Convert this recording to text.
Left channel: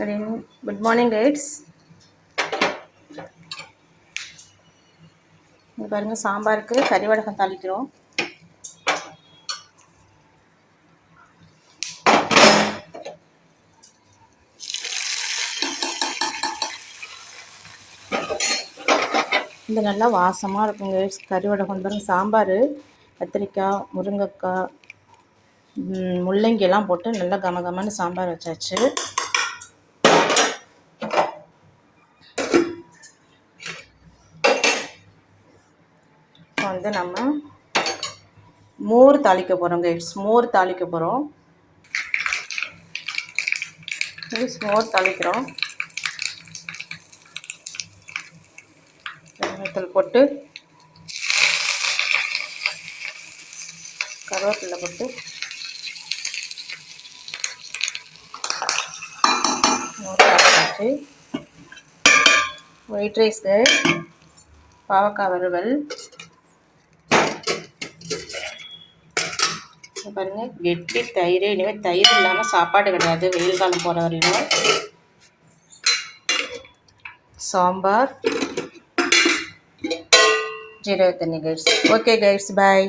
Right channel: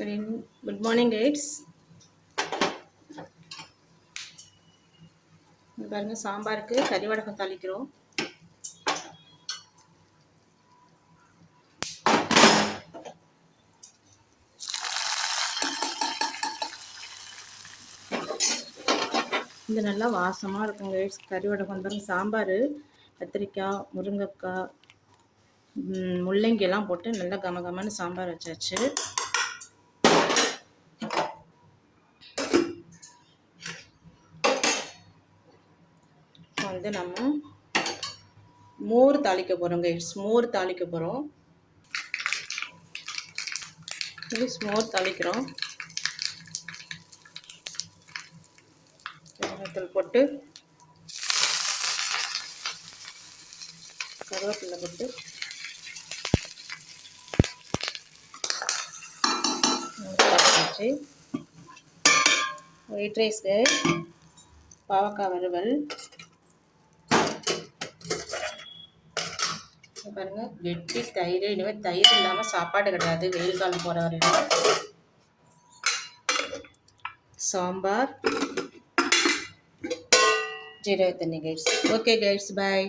Good morning, guys. இங்க பாருங்க சாம்பாருக்கு கறி வடகம் தாளிக்கிறோம். இது நல்லா வாசமாக இருக்குங்க guys. கறி வடகம் பாருங்க, சாம்பார் கத்திரிக்காய், முருங்கைக்காய், முள்ளங்கி எல்லாம் போட்டு நல்லா கமகமான சாம்பார் வச்சாச்சு. இப்போ வந்து நம்ம மோர் தாளிக்க போகிறோம் guys. மோர் தாளிக்க போகிறோம். மோர் தாளிக்கிறோம். வெங்காயத்தில் போட்டு கருவேப்பிலை போட்டு மோர் தாளிச்சாச்சு. ஒயிட் ரைஸ்க்கு பாவக்காய் வறுவல் பாருங்க, கெட்டி தயிர். இனிமேல் தயிர் இல்லாமல் சாப்பாடு கிடையாது வெயில் காலம் போகிற வரையும். சாம்பார், ஜீரக தண்ணி கைஸ். ஓகே கைஸ், பாய்.